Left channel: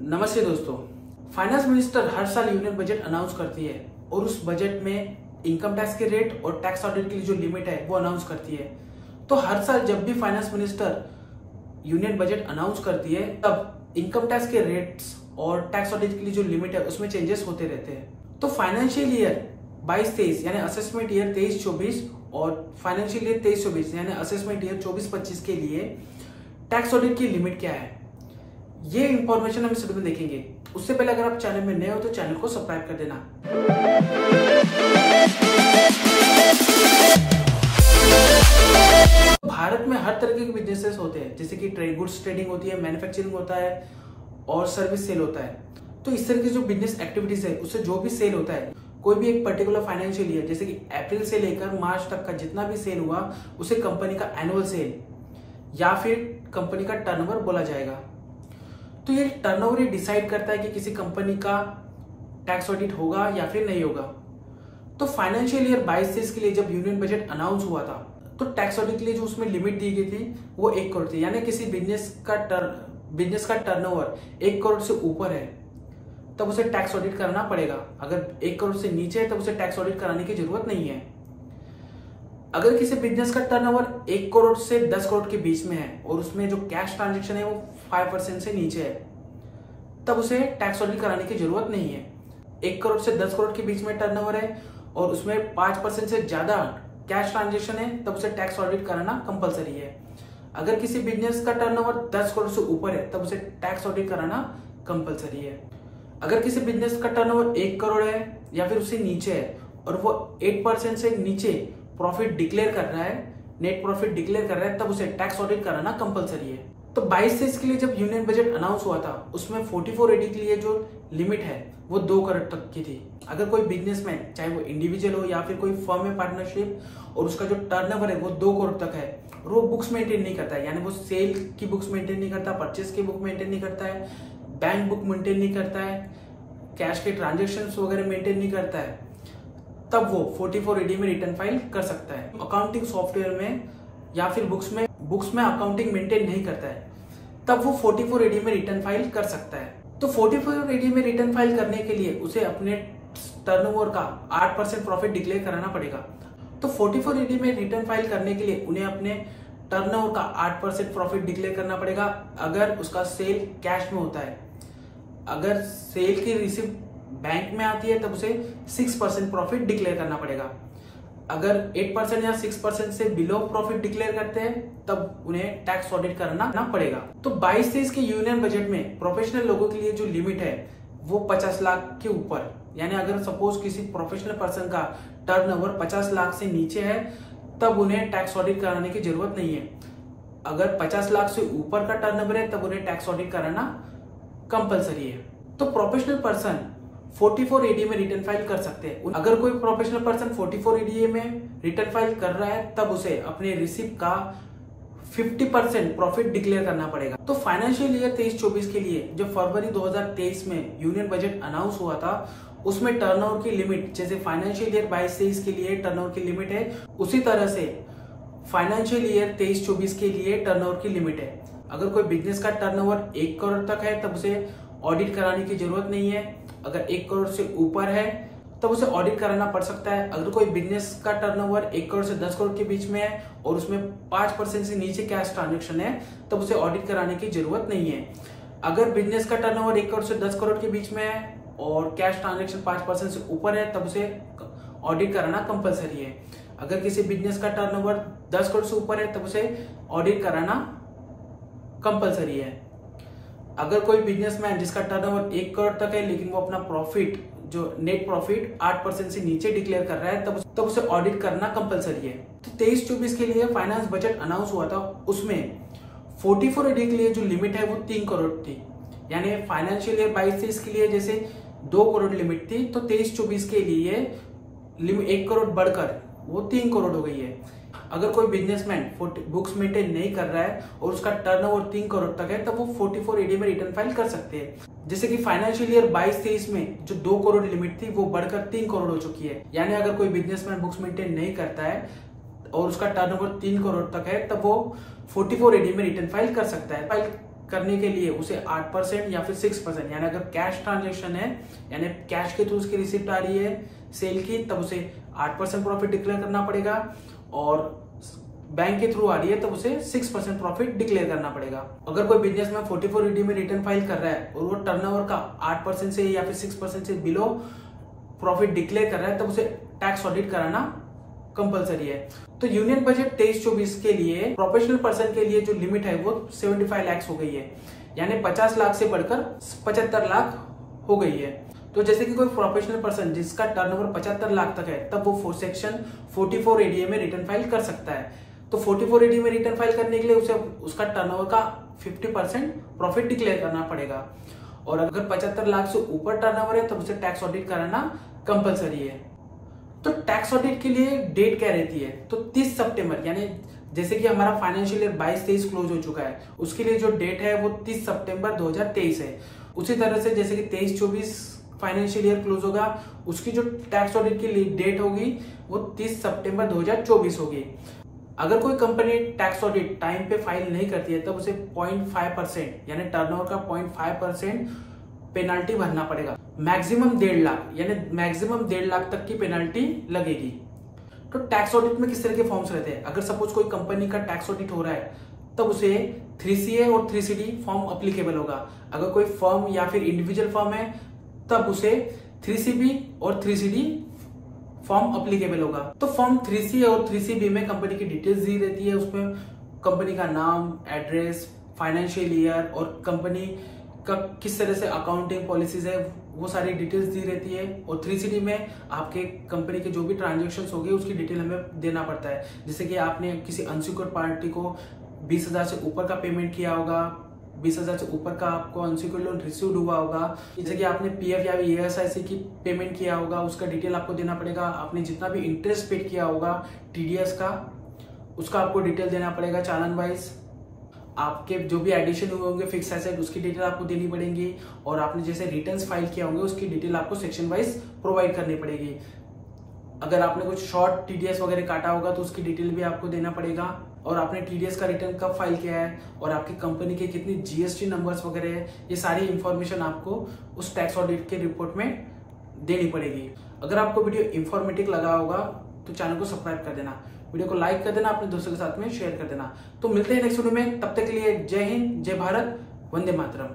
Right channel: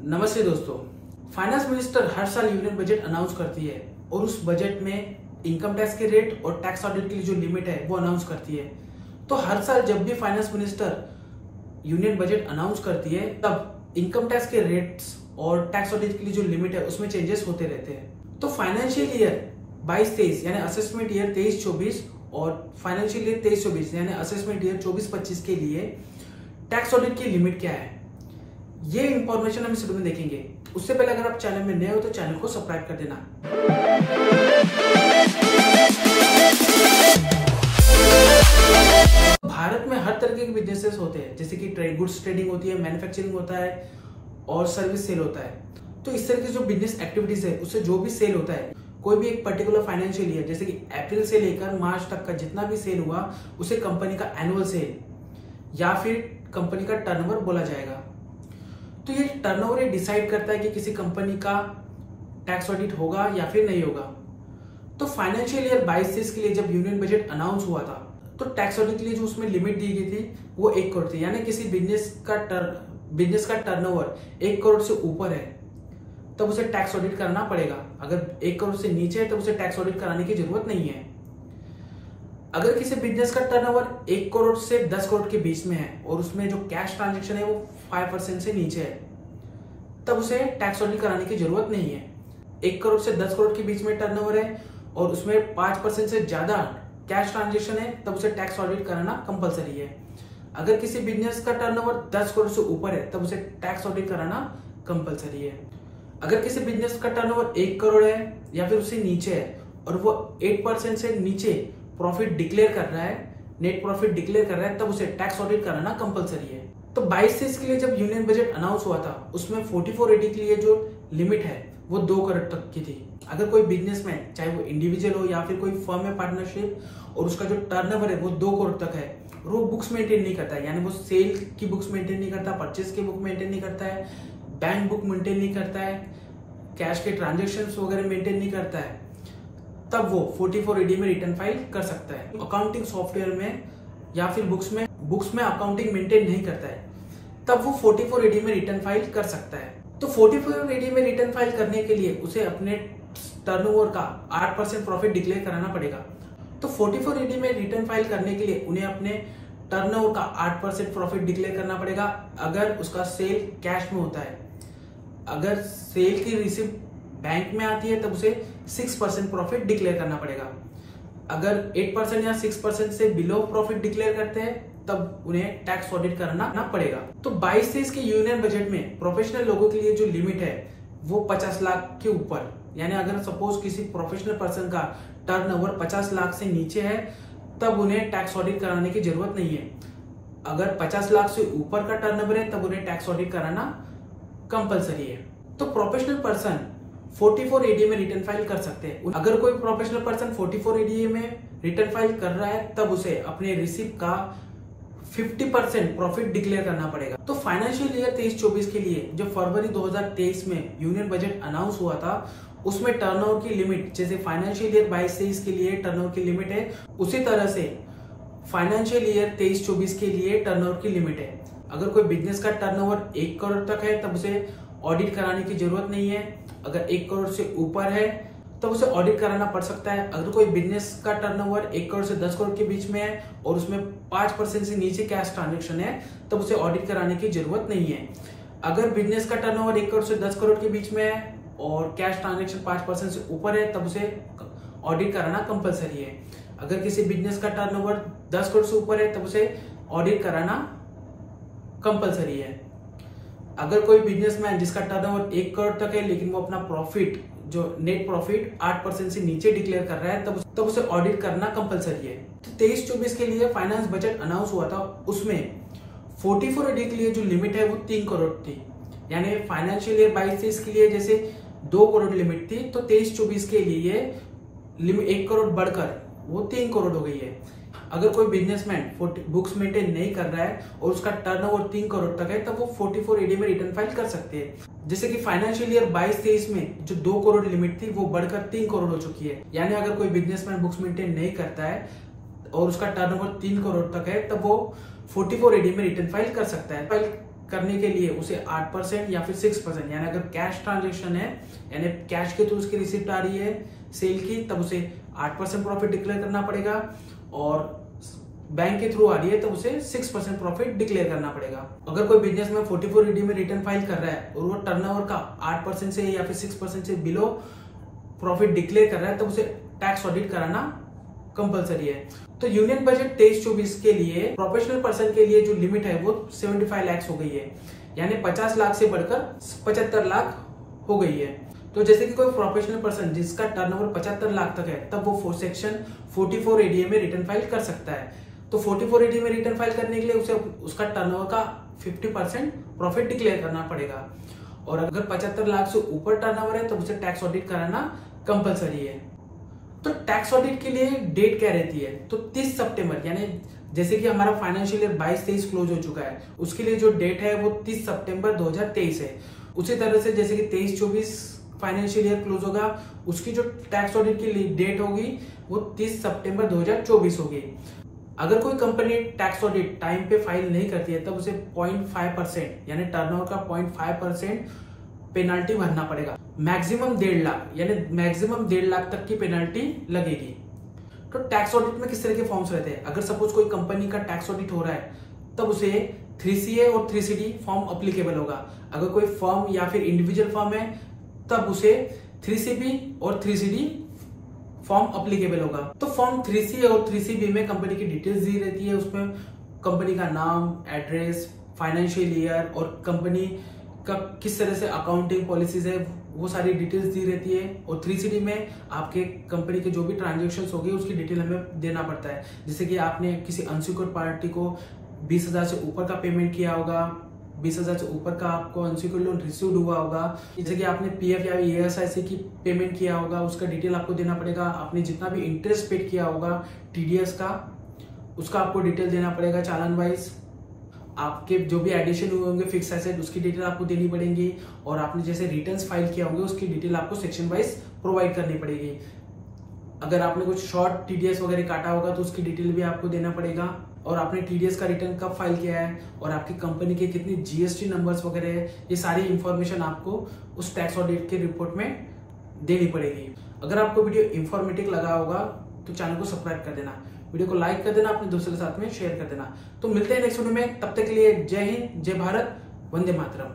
नमस्ते दोस्तों। Finance minister हर साल यूनियन बजट अनाउंस करती है और उस बजट में इनकम टैक्स के रेट और टैक्स ऑडिट के लिए जो लिमिट है वो अनाउंस करती है। तो हर साल जब भी finance minister union budget announce करती है तब इनकम टैक्स के रेट्स और टैक्स ऑडिट के लिए जो लिमिट है उसमें चेंजेस होते रहते हैं। तो फाइनेंशियल ईयर 22-23 यानी असेसमेंट ईयर 23-24 और फाइनेंशियल ईयर 23-24 यानी असेसमेंट ईयर 24-25 के लिए टैक्स ऑडिट की लिमिट क्या है, ये इंफॉर्मेशन हम इस वीडियो में देखेंगे। उससे पहले अगर आप चैनल में नए हो तो चैनल को सब्सक्राइब कर देना। भारत में हर तरह के बिजनेसेस होते हैं, जैसे कि गुड्स ट्रेडिंग होती है, मैन्युफैक्चरिंग होता है और सर्विस सेल होता है। तो इस तरह की जो बिजनेस एक्टिविटीज है उससे जो भी सेल होता है, कोई भी एक पर्टिकुलर फाइनेंशियल ईयर जैसे कि अप्रैल से लेकर मार्च तक का जितना भी सेल हुआ उसे कंपनी का एनुअल सेल या फिर कंपनी का टर्नओवर बोला जाएगा। तो ये टर्नओवर डिसाइड करता है कि किसी कंपनी का टैक्स ऑडिट होगा या फिर नहीं होगा। तो फाइनेंशियल ईयर 22-23 के लिए जब यूनियन बजट अनाउंस हुआ था तो टैक्स ऑडिट के लिए जो उसमें लिमिट दी गई थी वो 1 करोड़ थी। यानी किसी बिजनेस का टर्नओवर 1 करोड़ से ऊपर है तब उसे टैक्स ऑडिट करना पड़ेगा। अगर 1 करोड़ से नीचे है तब उसे टैक्स ऑडिट कराने की जरूरत नहीं है। अगर किसी बिजनेस का टर्नओवर 1 करोड़ से 10 करोड़ के बीच में है और उसमें जो कैश ट्रांजेक्शन है वो 5% से नीचे है तब उसे टैक्स ऑडिट कराने की जरूरत नहीं है। 1 करोड़ से 10 करोड़ के बीच में टर्नओवर है और उसमें 5% से ज्यादा कैश ट्रांजेक्शन है तब उसे टैक्स ऑडिट कराना कंपलसरी है। अगर किसी बिजनेस का टर्नओवर 10 करोड़ से ऊपर है तब उसे टैक्स ऑडिट कराना कंपलसरी है। अगर किसी बिजनेस का टर्नओवर 1 करोड़ है या फिर उससे नीचे है और वो 8% से नीचे प्रॉफिट डिक्लेयर कर रहा है, नेट प्रॉफिट डिक्लेयर कर रहा है, तब उसे टैक्स ऑडिट कराना कंपलसरी है। तो 22-23 के लिए जब यूनियन बजट अनाउंस हुआ था उसमें 4480 के लिए जो लिमिट है वो 2 करोड़ तक की थी। अगर कोई बिजनेसमैन चाहे वो इंडिविजुअल हो या फिर कोई फर्म में पार्टनरशिप और उसका जो टर्नओवर है वो 2 करोड़ तक है और वो बुक्स मेंटेन नहीं करता है, यानी वो सेल की बुक्स मेंटेन नहीं करता, परचेज की बुक मेंटेन नहीं करता है, बैंक बुक मेंटेन नहीं करता है, कैश के ट्रांजेक्शन वगैरह मेंटेन नहीं करता है, तब वो 4480 में रिटर्न फाइल कर सकता है। अकाउंटिंग सॉफ्टवेयर में या फिर बुक्स में अकाउंटिंग मेंटेन नहीं करता है तब वो 4480 में रिटर्न फाइल कर सकता है। तो 4480 में रिटर्न फाइल करने के लिए उसे अपने टर्नओवर का 8% प्रॉफिट डिक्लेयर कराना पड़ेगा। तो 4480 में रिटर्न फाइल करने के लिए उन्हें अपने टर्नओवर का 8% प्रॉफिट डिक्लेयर करना पड़ेगा अगर उसका सेल कैश में होता है। अगर सेल की रिसिप्ट बैंक में आती है तब उसे 6% प्रॉफिट डिक्लेयर करना पड़ेगा। अगर 8% या 6% से बिलो प्रॉफिट डिक्लेयर करते हैं तब उन्हें टैक्स ऑडिट करना पड़ेगा। तो 22-23 के यूनियन बजट में प्रोफेशनल लोगों के लिए जो लिमिट है वो 50 लाख के ऊपर, यानी अगर सपोज किसी प्रोफेशनल पर्सन का टर्नओवर 50 लाख से नीचे है तब उन्हें टैक्स ऑडिट कराने की जरूरत नहीं है। अगर 50 लाख से ऊपर का टर्नओवर है तब उन्हें टैक्स ऑडिट कराना कंपलसरी है। तो प्रोफेशनल पर्सन 4480 में रिटर्न फाइल कर सकते हैं। अगर कोई प्रोफेशनल पर्सन 4480 में रिटर्न फाइल कर रहा है तब उसे अपने रिसिप्ट का 50% प्रॉफिट डिक्लेयर करना पड़ेगा। तो फाइनेंशियल ईयर 23-24 के लिए जो फरवरी 2023 में यूनियन बजट अनाउंस हुआ था उसमें टर्नओवर की लिमिट जैसे फाइनेंशियल ईयर 22-23 के लिए टर्नओवर की लिमिट है, उसी तरह से फाइनेंशियल ईयर 23-24 के लिए टर्नओवर की लिमिट है। अगर कोई बिजनेस का टर्नओवर 1 करोड़ तक है तब उसे ऑडिट कराने की जरूरत नहीं है। अगर 1 करोड़ से ऊपर है तब उसे ऑडिट कराना पड़ सकता है। अगर कोई बिजनेस का टर्नओवर 1 करोड़ से 10 करोड़ के बीच में है और उसमें 5% से नीचे कैश ट्रांजेक्शन है तब उसे ऑडिट कराने की जरूरत नहीं है। अगर बिजनेस का टर्नओवर 1 करोड़ से 10 करोड़ के बीच में है और कैश ट्रांजेक्शन 5% से ऊपर है तब उसे ऑडिट कराना कंपलसरी है। अगर किसी बिजनेस का टर्नओवर 10 करोड़ से ऊपर है तब उसे ऑडिट कराना कंपलसरी है। अगर कोई बिजनेसमैन जिसका टर्नओवर 1 करोड़ तक है लेकिन वो अपना प्रॉफिट जो नेट प्रॉफिट 8% से नीचे डिक्लेयर कर रहा है तब उसे ऑडिट करना कंपलसरी है। तो 23-24 के लिए फाइनेंस बजट अनाउंस हुआ था उसमें 4480 के लिए जो लिमिट है वो 3 करोड़ थी। यानी फाइनेंशियल ईयर 22-23 के लिए जैसे 2 करोड़ लिमिट थी तो 23-24 के लिए 1 करोड़ बढ़कर वो 3 करोड़ हो गई है। अगर कोई बिजनेसमैन बुक्स मेंटेन नहीं कर रहा है और उसका टर्नओवर 3 करोड़ तक है तब वो 4480 में रिटर्न फाइल कर सकते हैं। जैसे कि फाइनेंशियल ईयर 22-23 में जो 2 करोड़ लिमिट थी वो बढ़कर 3 करोड़ हो चुकी है। यानी अगर कोई बिजनेसमैन बुक्स मेंटेन नहीं करता है और उसका टर्नओवर 3 करोड़ तक है तब वो 4480 में रिटर्न फाइल कर सकता है। फाइल करने के लिए उसे 8% या फिर 6%, यानी अगर कैश ट्रांजेक्शन है यानी कैश के थ्रू उसकी रिसिप्ट आ रही है सेल की, तब उसे 8% प्रॉफिट डिक्लेयर करना पड़ेगा, और बैंक के थ्रू आ रही है तब उसे 6% प्रॉफिट डिक्लेयर करना पड़ेगा। अगर कोई बिजनेस में 44ED में रिटर्न फाइल कर रहा है और वो टर्नओवर का 8% से या फिर 6% से बिलो प्रॉफिट डिक्लेयर कर रहा है, तब उसे टैक्स ऑडिट कराना कंपलसरी है। तो यूनियन बजट 23-24 के लिए प्रोफेशनल पर्सन के लिए जो लिमिट है वो 75 लाख हो गई है, यानी 50 लाख से बढ़कर 75 लाख हो गई है। तो जैसे कि कोई प्रोफेशनल पर्सन जिसका टर्नओवर 75 लाख तक है, तब वो सेक्शन 44ADA में रिटर्न फाइल कर सकता है। तो 44ADA में रिटर्न फाइल करने के लिए उसे उसका टर्नओवर का 50% प्रॉफिट डिक्लेयर करना पड़ेगा, और अगर 75 लाख से ऊपर टर्नओवर है तब उसे टैक्स ऑडिट कराना कंपलसरी है। तो टैक्स ऑडिट के लिए डेट क्या रहती है? तो 30 सितंबर, यानी जैसे कि हमारा फाइनेंशियल ईयर 22-23 क्लोज हो चुका है, उसके लिए जो डेट है वो 30 सितंबर 2023 है। उसी तरह से जैसे कि 23-24 फाइनेंशियल ईयर क्लोज होगा, उसकी जो टैक्स ऑडिट की डेट होगी वो 30 सितंबर 2024 होगी। अगर कोई कंपनी टैक्स ऑडिट टाइम पे फाइल नहीं करती है, तब उसे 0.5% यानी टर्नओवर का 0.5% पेनाल्टी भरना पड़ेगा। मैक्सिमम 1.5 लाख, यानी मैक्सिमम 1.5 लाख तक की पेनाल्टी लगेगी। तो टैक्स ऑडिट में किस तरह के फॉर्म्स रहते हैं? अगर सपोज कोई कंपनी का टैक्स ऑडिट हो रहा है, तब उसे 3CA और 3CD फॉर्म अप्लीकेबल होगा। अगर कोई फर्म या फिर इंडिविजुअल फर्म है, तब उसे 3CB और 3CD फॉर्म अप्लीकेबल होगा। तो फॉर्म 3CA और 3CB में कंपनी की डिटेल्स दी रहती है, उसमें कंपनी का नाम, एड्रेस, फाइनेंशियल ईयर और कंपनी का किस तरह से अकाउंटिंग पॉलिसीज है, वो सारी डिटेल्स दी रहती है। और 3CD में आपके कंपनी के जो भी ट्रांजेक्शन हो गए उसकी डिटेल हमें देना पड़ता है। जैसे कि आपने किसी अनसिक्योर्ड पार्टी को 20,000 से ऊपर का पेमेंट किया होगा, 20,000 से ऊपर का आपको अनसिक्योर्ड लोन रिसीव हुआ होगा, जैसे कि आपने PF या ESIC की पेमेंट किया होगा, उसका डिटेल आपको देना पड़ेगा। आपने जितना भी इंटरेस्ट पेड किया होगा TDS का, उसका आपको डिटेल देना पड़ेगा चालान वाइज। आपके जो भी एडिशन हुए होंगे फिक्स एसेट, उसकी डिटेल आपको देनी पड़ेगी। और आपने जैसे रिटर्न्स फाइल किया होंगे उसकी डिटेल आपको सेक्शन वाइज प्रोवाइड करनी पड़ेगी। अगर आपने कुछ शॉर्ट TDS वगैरह काटा होगा तो उसकी डिटेल भी आपको देना पड़ेगा। और आपने TDS का रिटर्न कब फाइल किया है और आपकी कंपनी के कितनी GST नंबर्स वगैरह है, ये सारी इंफॉर्मेशन आपको उस टैक्स ऑडिट के रिपोर्ट में देनी पड़ेगी। अगर आपको वीडियो इंफॉर्मेटिव लगा होगा तो चैनल को सब्सक्राइब कर देना, वीडियो को लाइक कर देना, अपने दोस्तों के साथ में शेयर कर देना। तो मिलते हैं नेक्स्ट वीडियो में, तब तक के लिए जय हिंद, जय भारत, वंदे मातरम।